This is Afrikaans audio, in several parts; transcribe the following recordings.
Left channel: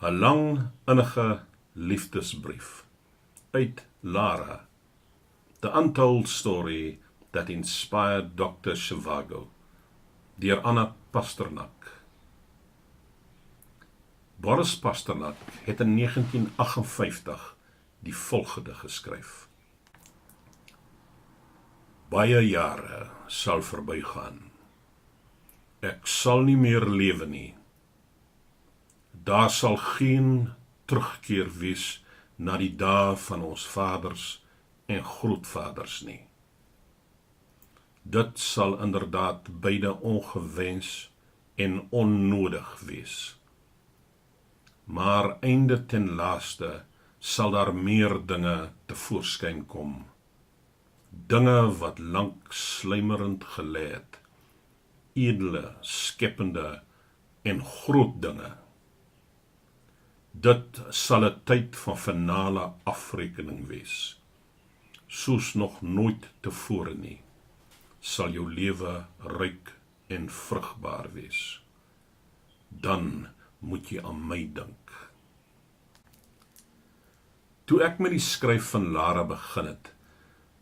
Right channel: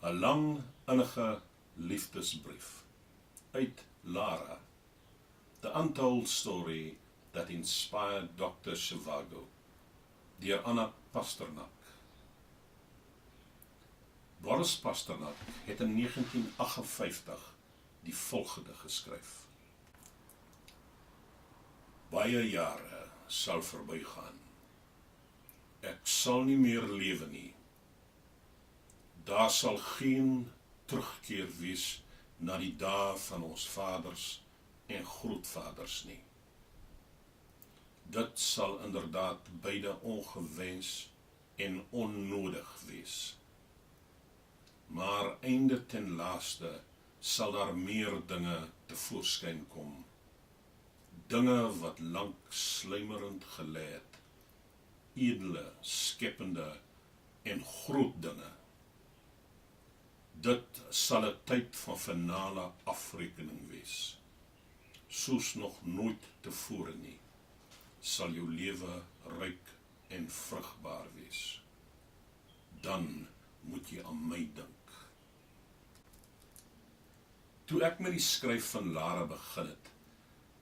'n lang, innige liefdesbrief uit Lara, The Untold Story That Inspired Dr. Zhivago, deur Anna Pasternak. Boris Pasternak het in 1958 die volgende geskryf. Baie jare sal verbygaan. Ek sal nie meer lewe nie. Daar sal geen terugkeer wees na die dae van ons vaders en grootvaders nie. Dit sal inderdaad beide ongewens en onnodig wees. Maar einde ten laaste sal daar meer dinge tevoorskyn kom. Dinge wat lank sluimerend gelê het, edele, skepende en groot dinge. Dit sal 'n tyd van finale afrekening wees. Soos nog nooit tevore nie, sal jou lewe ryk en vrugbaar wees. Dan moet jy aan my dink. Toe ek met die skryf van Lara begin het,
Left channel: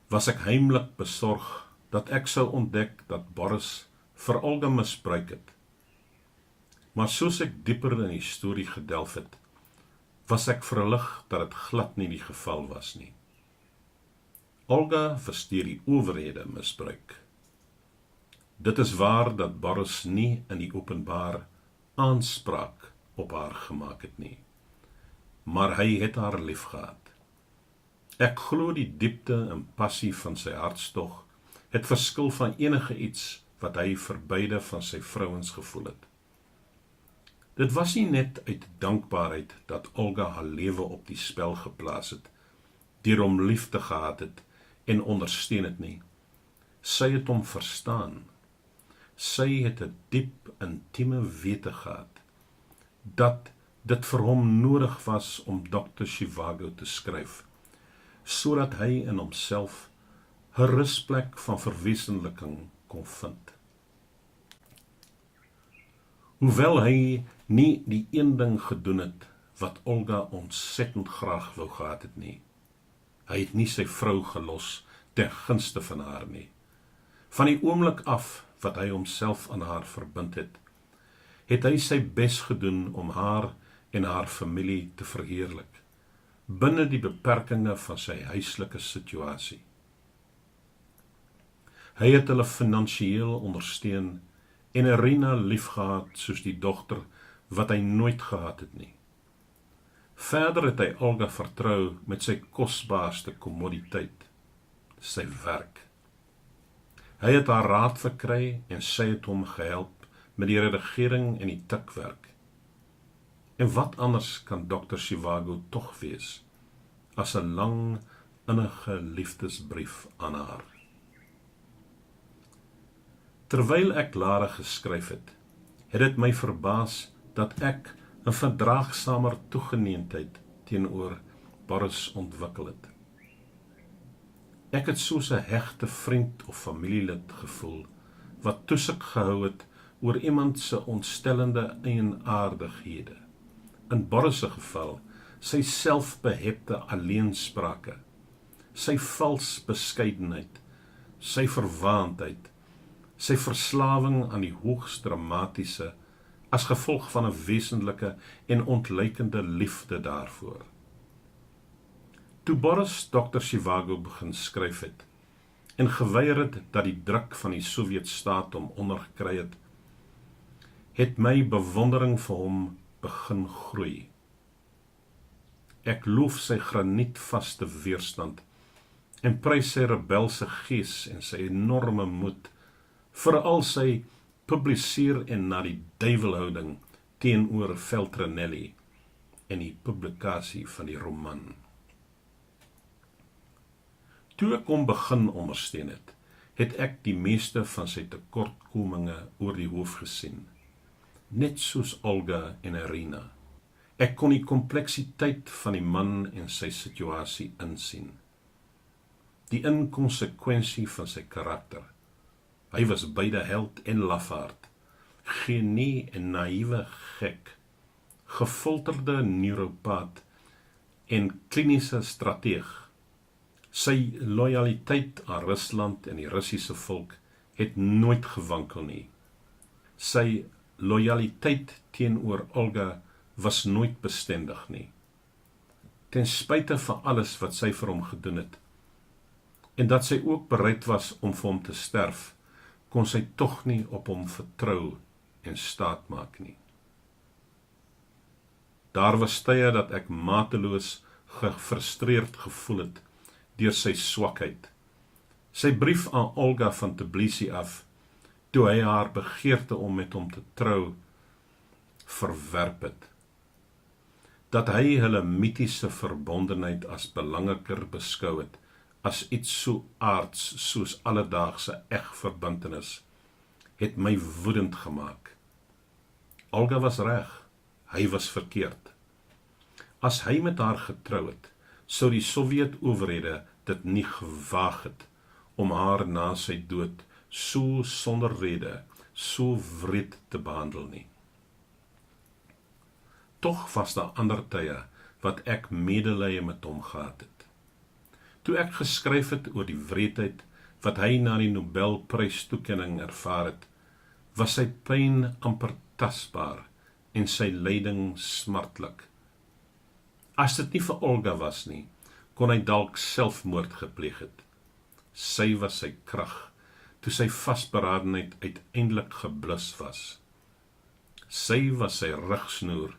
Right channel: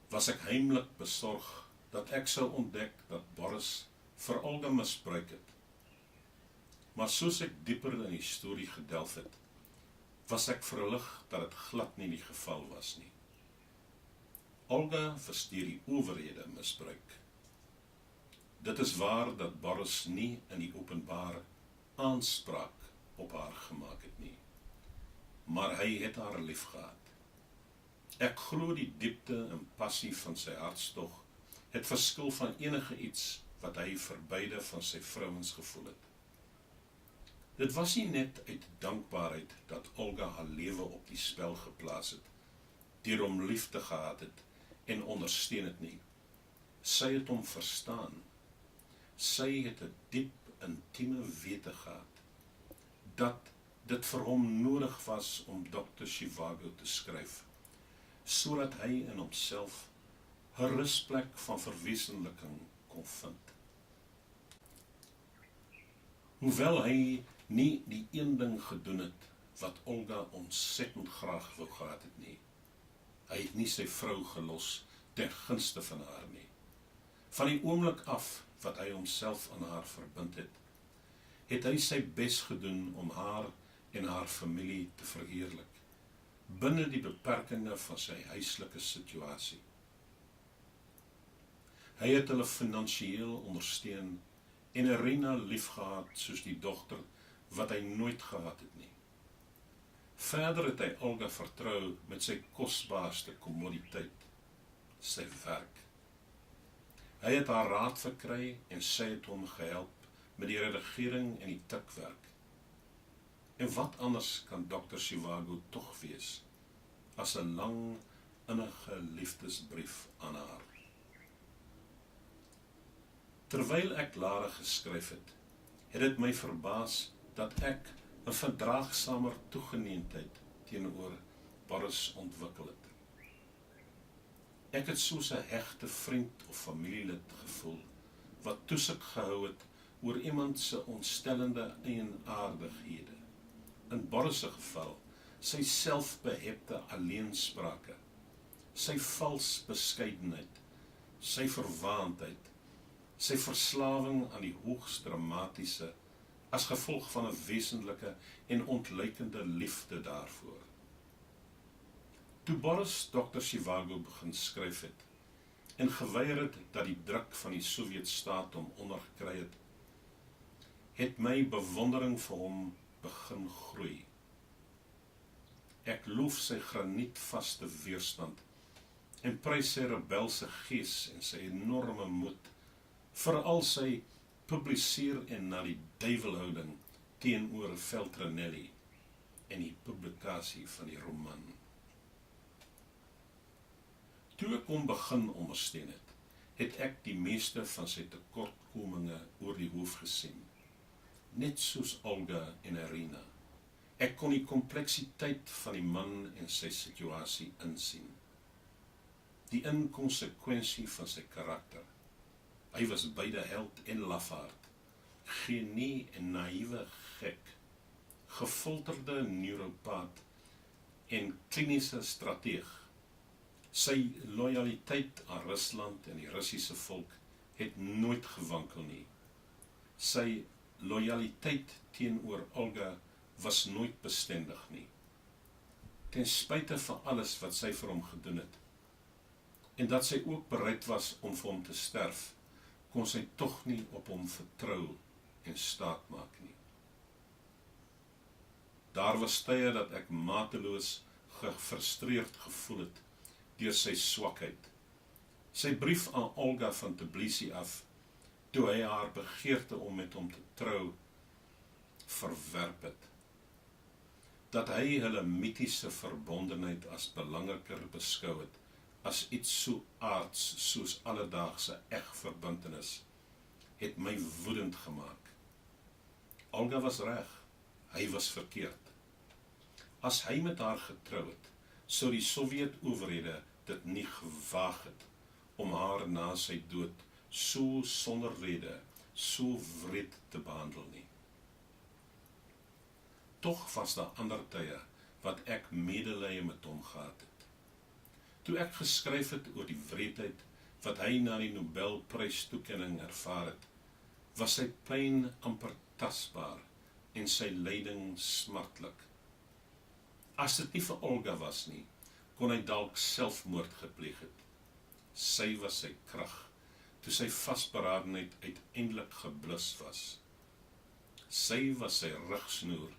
was ek heimlik besorg dat ek sou ontdek dat Boris vir Olga misbruik het. Maar soos ek dieper in die storie gedelf het, was ek verlig dat dit glad nie die geval was nie. Olga was deur die owerhede misbruik. Dit is waar dat Boris nie in die openbaar aanspraak op haar gemaak het nie, maar hy het haar liefgehad. Ek glo die diepte en passie van sy hartstog het verskil van enige iets wat hy vir beide van sy vrouens gevoel het. Dit was nie net uit dankbaarheid dat Olga haar lewe op die spel geplaas het, deur hom lief te gehad het en ondersteun het nie. Sy het hom verstaan. Sy het 'n diep, intieme wete gehad, dat dit vir hom nodig was om Dr. Zhivago te skryf, sodat hy in homself 'n rusplek van verwesenliking kon vind. Hoewel hy nie die een ding gedoen het wat Olga ontsettend graag wou gehad het nie. Hy het nie sy vrou gelos ten gunste van haar nie. Van die oomblik af wat hy homself aan haar verbind het, het hy sy bes gedoen om haar en haar familie te verheerlik, binne die beperkinge van sy huislike situasie. Hy het hulle finansiëel ondersteun en Irina liefgehad soos die dogter wat hy nooit gehad het nie. Verder het hy Olga vertrou met sy kosbaarste kommoditeit, sy werk. Hy het haar raad verkry en sy het hom gehelp met die redigering en die tikwerk. En wat anders kan Dr. Zhivago tog wees as 'n lang, innige liefdesbrief aan haar. Terwyl ek Lara geskryf het, het dit my verbaas dat ek 'n verdraagsamer toegeneentheid teenoor Boris ontwikkel het. Ek het soos 'n hegte vriend of familielid gevoel, wat toesig gehou het oor iemand se ontstellende eienaardighede. In Boris se geval, sy selfbehepte alleensprake, sy vals beskeidenheid, sy verwaandheid, sy verslawing aan die hoogs dramatiese, as gevolg van 'n wesenlike en ontluikende liefde daarvoor. Toe Boris Dr. Zhivago begin skryf het, en geweier het dat die druk van die Sowjetstaat hom ondergekry het, het my bewondering vir hom begin groei. Ek loof sy granietvaste weerstand en prys sy rebelse gees en sy enorme moed, veral sy publiseer en na die duiwelhouding teenoor Feltrinelli en die publikasie van die roman. Toe ek hom begin ondersteun het, het ek die meeste van sy tekortkominge oor die hoof gesien, net soos Olga en Irina. Ek kon die kompleksiteit van die man en sy situasie insien. Die inkonsekwensie van sy karakter. Hy was beide held en lafaard, genie en naïewe gek, gefolterde neuropaat en kliniese strateeg. Sy lojaliteit aan Rusland en die Russiese volk het nooit gewankel nie. Sy lojaliteit teenoor Olga was nooit bestendig nie. Ten spyte van alles wat sy vir hom gedoen het, en dat sy ook bereid was om vir hom te sterf, kon sy tog nie op hom vertrou en staat maak nie. Daar was tye dat ek mateloos gefrustreerd gevoel het deur sy swakheid. Sy brief aan Olga van Tbilisi af, toe hy haar begeerte om met hom te trou, verwerp het. Dat hy hulle mitiese verbondenheid as belangriker beskou het, as iets so aards soos alledaagse egverbintenis, het my woedend gemaak. Olga was reg, hy was verkeerd. As hy met haar getrou het, sou die Sowjet-owerhede dit nie gewaag het om haar na sy dood so sonder rede, so wreed te behandel nie. Tog was daar ander tye wat ek medelee met hom gehad het. Toe ek geskryf het oor die wreedheid wat hy na die Nobelprystoekenning ervaar het, was sy pyn amper tasbaar en sy lyding smartlik. As dit nie vir Olga was nie, kon hy dalk selfmoord gepleeg het. Sy was sy krag, toe sy vasberadenheid uiteindelik geblus was. Sy was sy rigsnoer,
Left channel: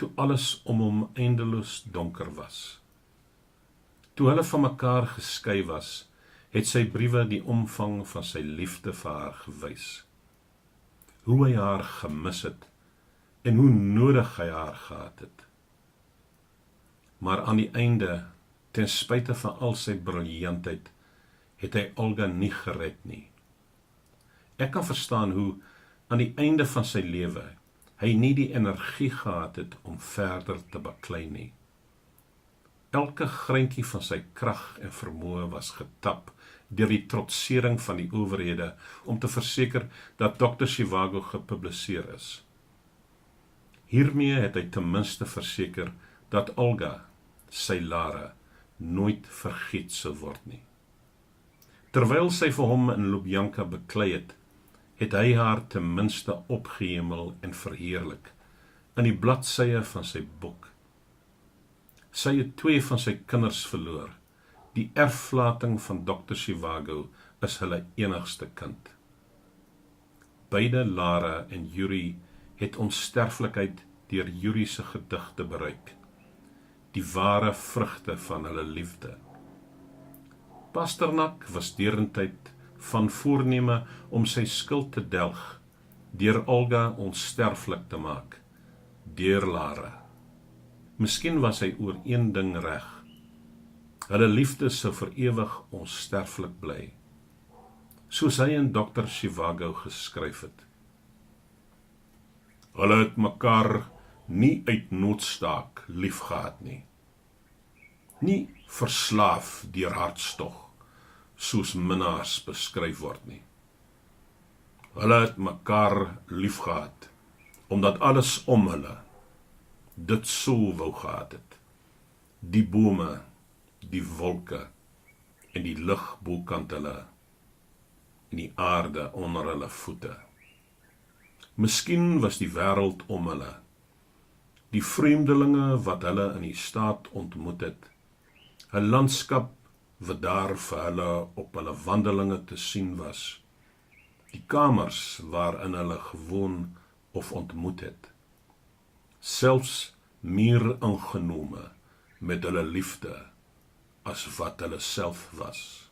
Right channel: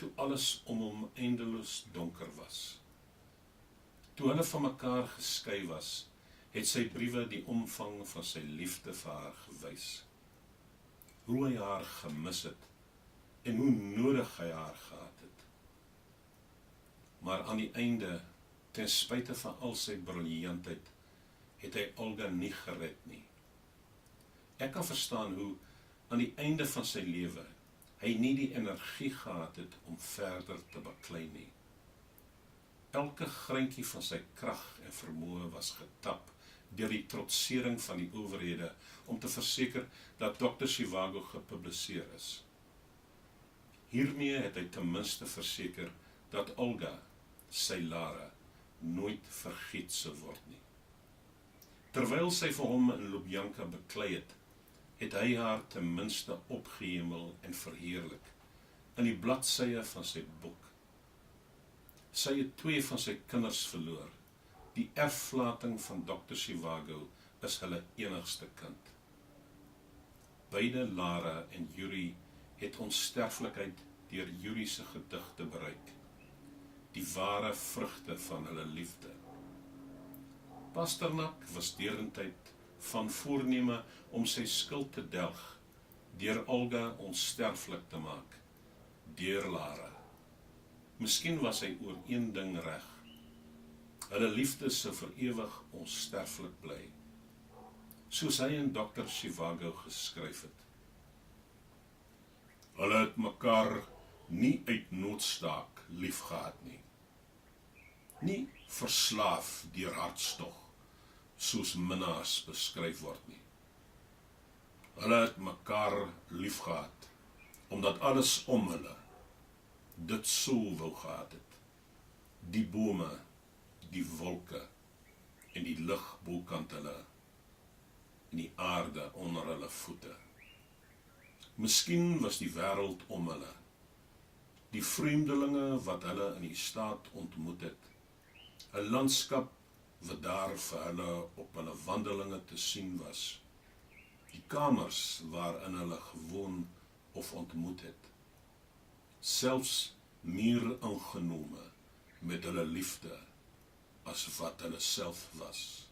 toe alles om hom eindeloos donker was. Toe hulle van mekaar geskei was, het sy briewe die omvang van sy liefde vir haar gewys. Hoe hy haar gemis het, en hoe nodig hy haar gehad het. Maar aan die einde, ten spyte van al sy briljantheid, het hy Olga nie gered nie. Ek kan verstaan hoe, aan die einde van sy lewe, hy nie die energie gehad het om verder te baklei nie. Elke greintjie van sy krag en vermoë was getap deur die trotsering van die owerhede om te verseker dat Dr. Zhivago gepubliseer is. Hiermee het hy ten minste verseker dat Olga, sy Lara, nooit vergeet sou word nie. Terwyl sy vir hom in Lubjanka beklei het, het hy haar ten minste opgehemel en verheerlik in die bladsye van sy boek. Sy het 2 van sy kinders verloor. Die erflating van Dr. Zhivago is hulle enigste kind. Beide Lara en Yuri het onsterflikheid deur Yuri se gedigte bereik, die ware vrugte van hulle liefde. Pasternak was derentyd van voorneme om sy skuld te delg, deur Olga onsterflik te maak, deur Lara. Miskien was hy oor een ding reg. Hulle liefde sou vir ewig onsterflik bly, soos hy in Dr. Zhivago geskryf het. Hulle het mekaar nie uit noodstaak lief gehad nie. Nie verslaaf deur hartstog, soos minnaars beskryf word nie. Hulle het mekaar lief gehad, omdat alles om hulle dit so wou gehad het. Die bome, die wolke en die lug bokant hulle en die aarde onder hulle voete. Miskien was die wêreld om hulle, die vreemdelinge wat hulle in die staat ontmoet het, 'n landskap wat daar vir hulle op hulle wandelinge te sien was, die kamers waarin hulle gewoon of ontmoet het, selfs meer ingenome met hulle liefde as wat hulle self was.